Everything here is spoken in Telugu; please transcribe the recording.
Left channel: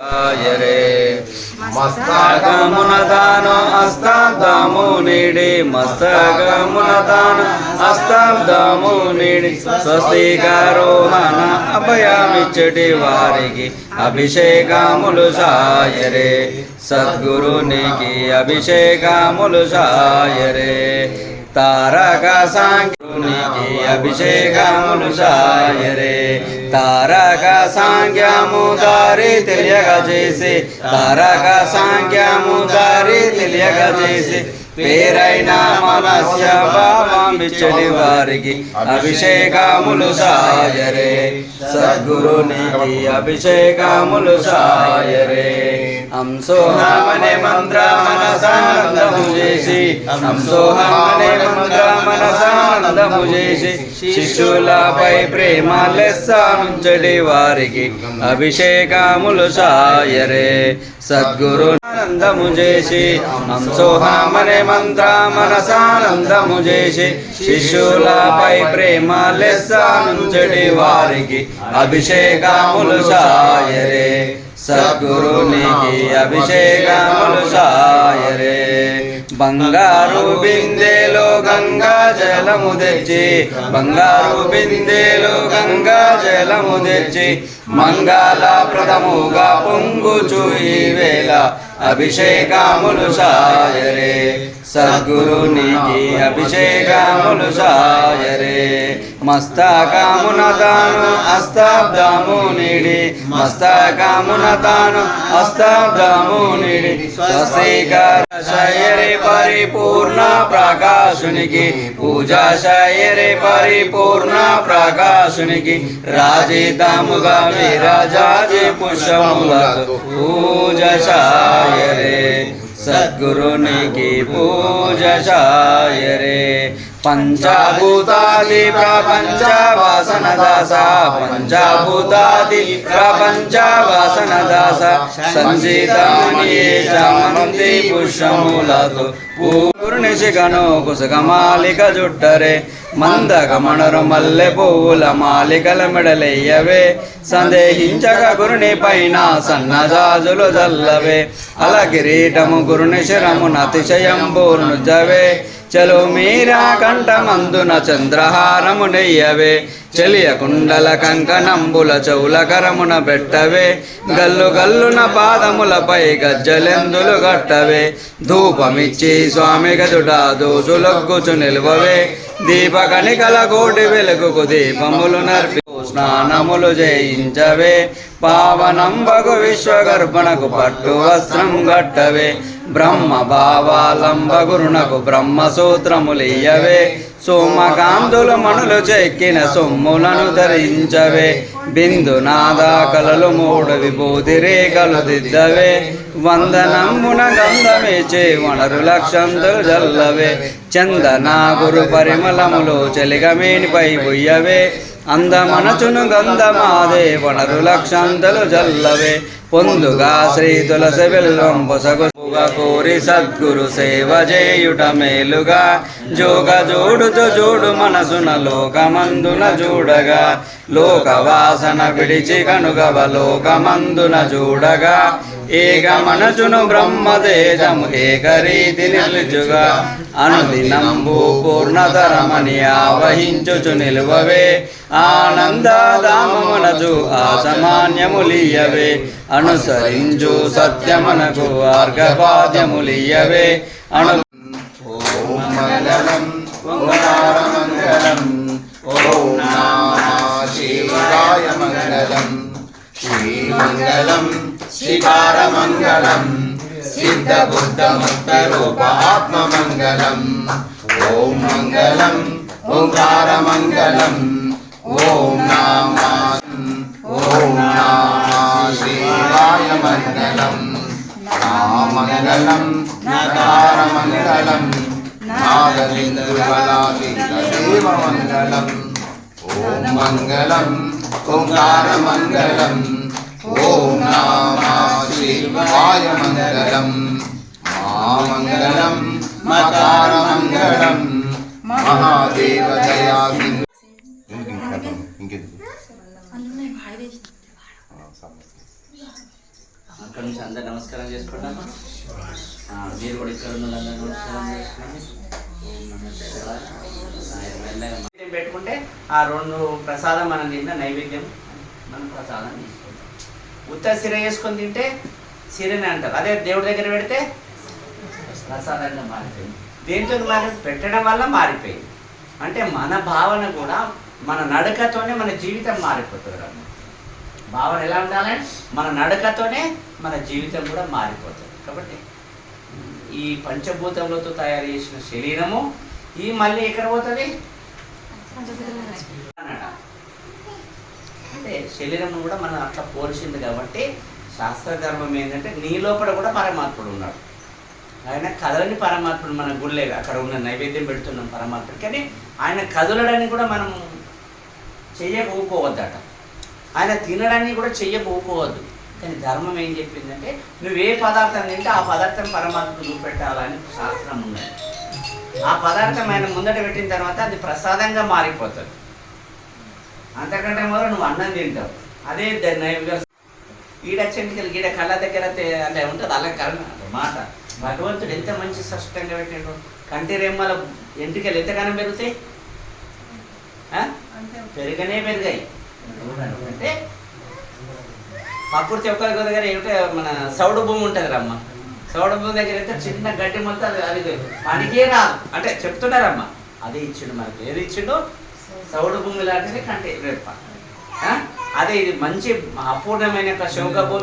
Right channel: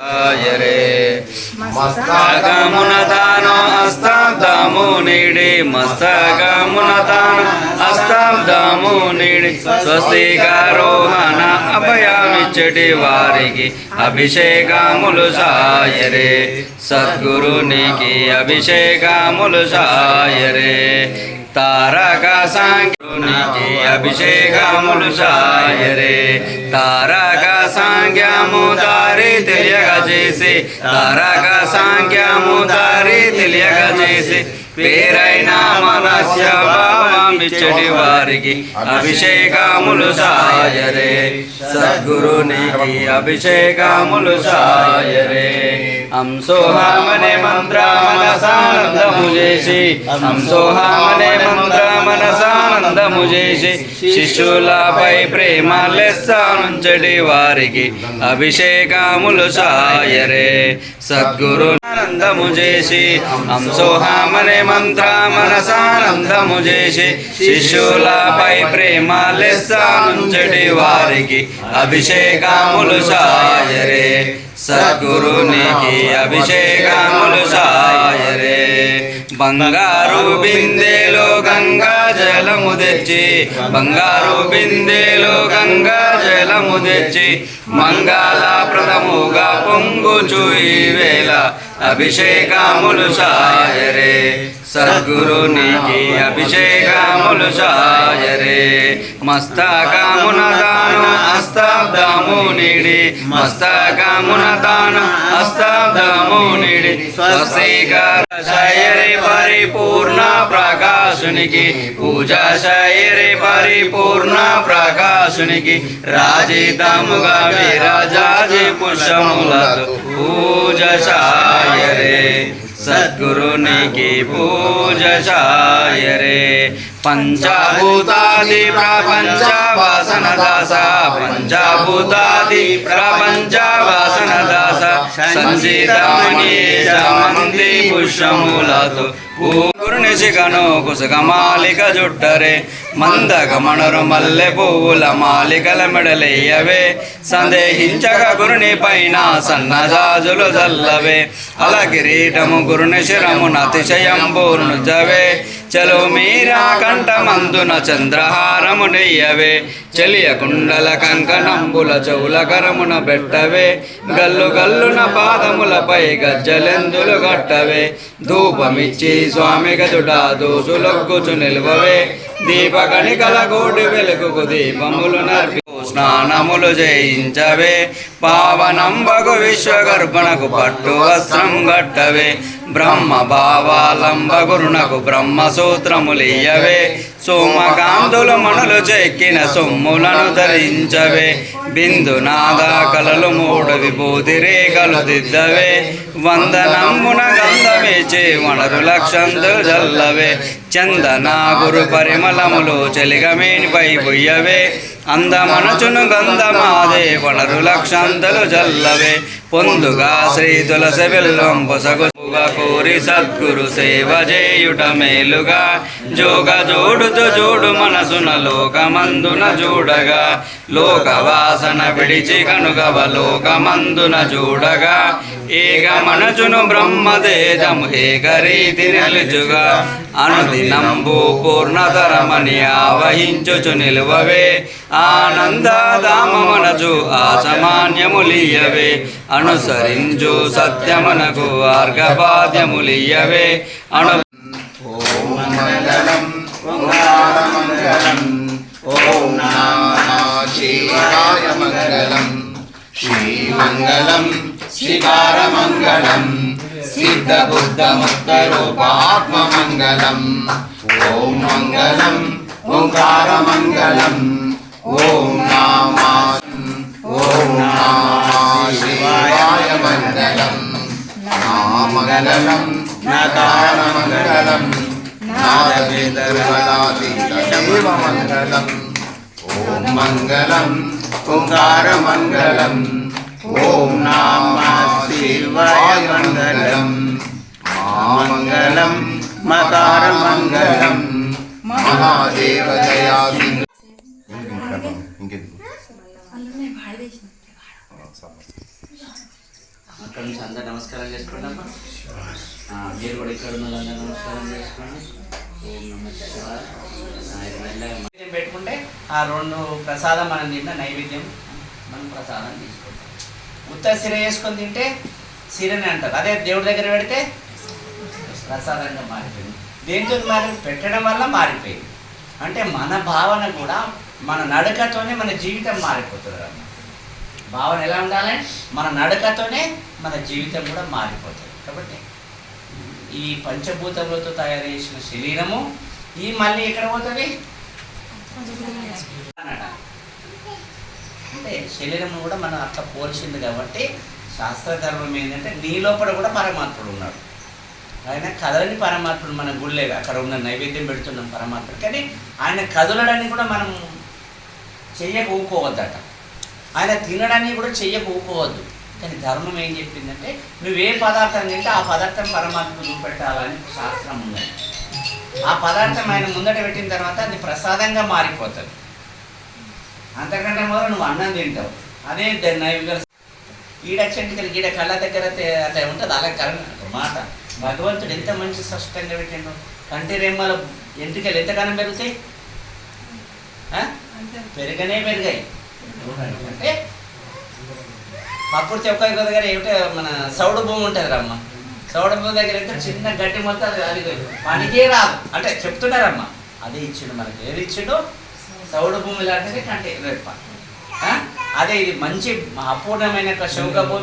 रे मस्तकमुनतानो अस्ताब्दमो नीडे मस्तकमुनतानो अस्ताब्दमो नीडे स्वस्तिकारोहण अभयमिच्चటి వారికి అభిషేకములు సాయరే సద్గురునికి అభిషేకములు సాయరే తారక సాంఖ్యునికి అభిషేకములు సాయరే తారక సాంఖ్యము దారి తెలియగజేసి తారక సాంఖ్యము దారి తెలియగజేసి పేరైన మనస్య భావమిచ్చటి వారికి అభిషేకములు సాయరే సద్గురునికి అభిషేకములు సాయరే అంసోహామనే మంత్ర మనసానందము చేసి అంసోహామనే మంత్ర మనసానందము చేసి శిష్యులపై ప్రేమ లెస్సనుంచటి వారికి అభిషేకములు సాయరే సద్గురు ఆనందము చేసి అంసోహామనే మంత్ర మనసానందము చేసి శిష్యులపై ప్రేమ లెస్సనుంచటి వారికి అభిషేకములు సాయరే సద్గురునికి అభిషేకములు సాయరే బంగారు బిందెలో గంగా జలము తెచ్చి బంగారు బిందెలో గంగా జలము తెచ్చి మంగళప్రదముగా పొంగుచు ఈ వేళ అభిషేకములు సాయరే సద్గురునికి అభిషేకములు సాయరే మస్తకమున తాను అస్తాబ్దము నీడి మస్తకమున తాను అస్తాబ్దము నీడి స్వస్తికార శయరే పరిపూర్ణ ప్రకాశునికి పూజా శయరే పరిపూర్ణ ప్రకాశునికి రాజితముగా విరాజాజి పుష్పములతో పూజ శయరే సద్గురునికి పూజ సాయరే పంచభూతాది ప్రపంచ వాసన దాస పంచభూతాది ప్రపంచ వాసన దాస సంచితమణి చమంతి పుష్పములతో గురునిశిఖను కుసుకమాలిక జుట్టరే మందగమణరు మల్లె పువ్వుల మాలికల మెడలెయ్యవే సందేహించక గురుని పైన సన్నజాజులు జల్లవే అల కిరీటము గురుని శిరమున అతిశయంబూర్ను జవే చలో మీరా కంఠమందున చంద్రహారము నెయ్యవే చెలియ కుండల కంకణంబుల చెవుల కరమున పెట్టవే గల్లు గల్లున పాదములపై గజ్జలెందులు గట్టవే ధూపమిచ్చి స్వామి గదుడ దోసులొగ్గుచు నిలువవే దీపకణికల గోడి వెలుగుకు దీపములు నర్పి స్నానములు చేయించవే పావనంబగు విశ్వగర్భణకు పట్టు వస్త్రం గట్టవే బ్రహ్మ భావాలంబగురునకు బ్రహ్మసూత్రములియ్యవే సోమకాంతులు మణులు చెక్కిన సొమ్ములను ధరించవే బిందునాద కలలు మూడు విభూతి రేఖలు దిద్దవే వందనమ్మున గంధమిచ్చి వనరు లక్షంతులు జల్లవే చందన గురు పరిమళములు చెలిగమేనిపై బుయ్యవే అందమనచును గంధమాదే వనరు లక్షంతులు జల్లవే పొందుగా శ్రీ తులసి వెల్లం పొసగుగా కోరి సద్గురు సేవ చేయుట మేలుగా జోగ జోడుతో జోడు మనసున లోకమందున చూడగా లోకవాసన విడిచి కనుగవ లోకమందున చూడగా ఏక మనచును బ్రహ్మదేజము ఏకరీతి నిలుచుగా అనుదినంబు పూర్ణతరమని ఆవహించుచు నిలువవే ఆనందధామమునచు ఆసమాన్యములియవే అనుసరించు సత్యమునకు ఆర్ఘపాద్యములియవే అను ఓం మంగళం ఓంకారమంగళం ఓం నమః శివాయ మంగళం శ్రీమంగళం శికారమంగళం సిద్ధబుద్ధముక్తరూపాత్మమంగళం ఓం మంగళం ఓంకారమంగళం ఓం నమః శివాయ మంగళం నామంగళం నకారమంగళం నాదవిందువలాదిదేవమంగళం ఓం మంగళం ఓంకారమంగళం ఓం నమః శివాయ మంగళం మామంగళం మకారమంగళం మహాదేవదయా ఇంకెందుకు అక్కడ నుంచి అందరు నమస్కారం చేసుకుంటామా. మీరు కూడా ఇక్కడ ఉన్న వాళ్ళందరూ నమస్కారం చేసుకోండి. ఓం నమః శివాయ. నైవేద్యం పెట్టుకుంటే ఆ 2 ప్రసాదం మనం తిన్న నైవేద్యం మనం ప్రసాదం తీసుకుంటాం. ఉత్త సిర వేసుకొని తింటే సిరని అంటారు. అదే దేవుడి దగ్గర పెడితే ప్రసాదంగా మారిపోయింది. దేంతో పెట్టడం వల్ల మారిపోయింది. అంటే మన భావన కూడా మన నడకతోనే మన జీవితం మారిపోతుంది అన్న. భావన ఎలా ఉండాలంటే మన నడకతోనే మన జీవితం కూడా మారిపోతుంది. కాబట్టి ఈ పంచభూతములతో తయారు చేసిన శరీరము ఈ మళ్ళీ ఎక్కడ పోతుంది అన్నాడు. అంటే శరీరము కూడా మనం అట్లా పోల్చింది కాబట్టి శాస్త్రధర్మం ఏంటంటే నీ లోపల కూడా పరమాత్ముడు ఉన్నాడు. ఆయన కదలని పరమాత్ముడు మన గుళ్ళే అక్కడ ఉన్న నైవేద్యం పెడుతున్నాం పరమాత్ముడు. కానీ ఆయన కదలడాన్ని కూడా మనం చెయ్యకపోవద్దట. ఆయన తినడాన్ని కూడా చెయ్యకపోవద్దు. కానీ ధర్మం ఏం చెప్పిందంటే నువ్వు ఏ పదార్థం తింటే ఆ పదార్థం పరమాత్మకు చూపెట్టాలని శాస్త్రం ఉన్నది. ఆ పదార్థం ఆయన ముందట పెట్టిన తర్వాత అది ప్రసాదంగా మారిపోతుంది. అంతకంటే మొదలు నువ్వు అన్నం తింటావు. అదే నైవేద్యం ఈడచెంటికలు గీడ కళ్ళ దగ్గర అలా ఉంటుంది. అలా మాట భగవంతుడు ఎంత మంచి స్పష్టంగా పెట్టిండు. కంటి రెమ్మల ఎంటికలు ఎంతగానో పెరుగుతాయి, పెరిగాయి. అంటే ప్రకృతి ఒక్క దగ్గర ఏమిటో మన సౌడు భూమి ఉంటుంది రమ్మ. సౌడు భూమి దగ్గర అయితే చిన్న గడ్డి మొత్తం అది పనికే రాదు అంటే చెప్తున్నారమ్మ. అదే ఇచ్చిండు మనకి. ఏది ఇచ్చిండు? సౌడు భూమి లాంటిది కంటి రెప్ప. అదే ఇది మంచి అపూర్ణమైన శౌక భూమి.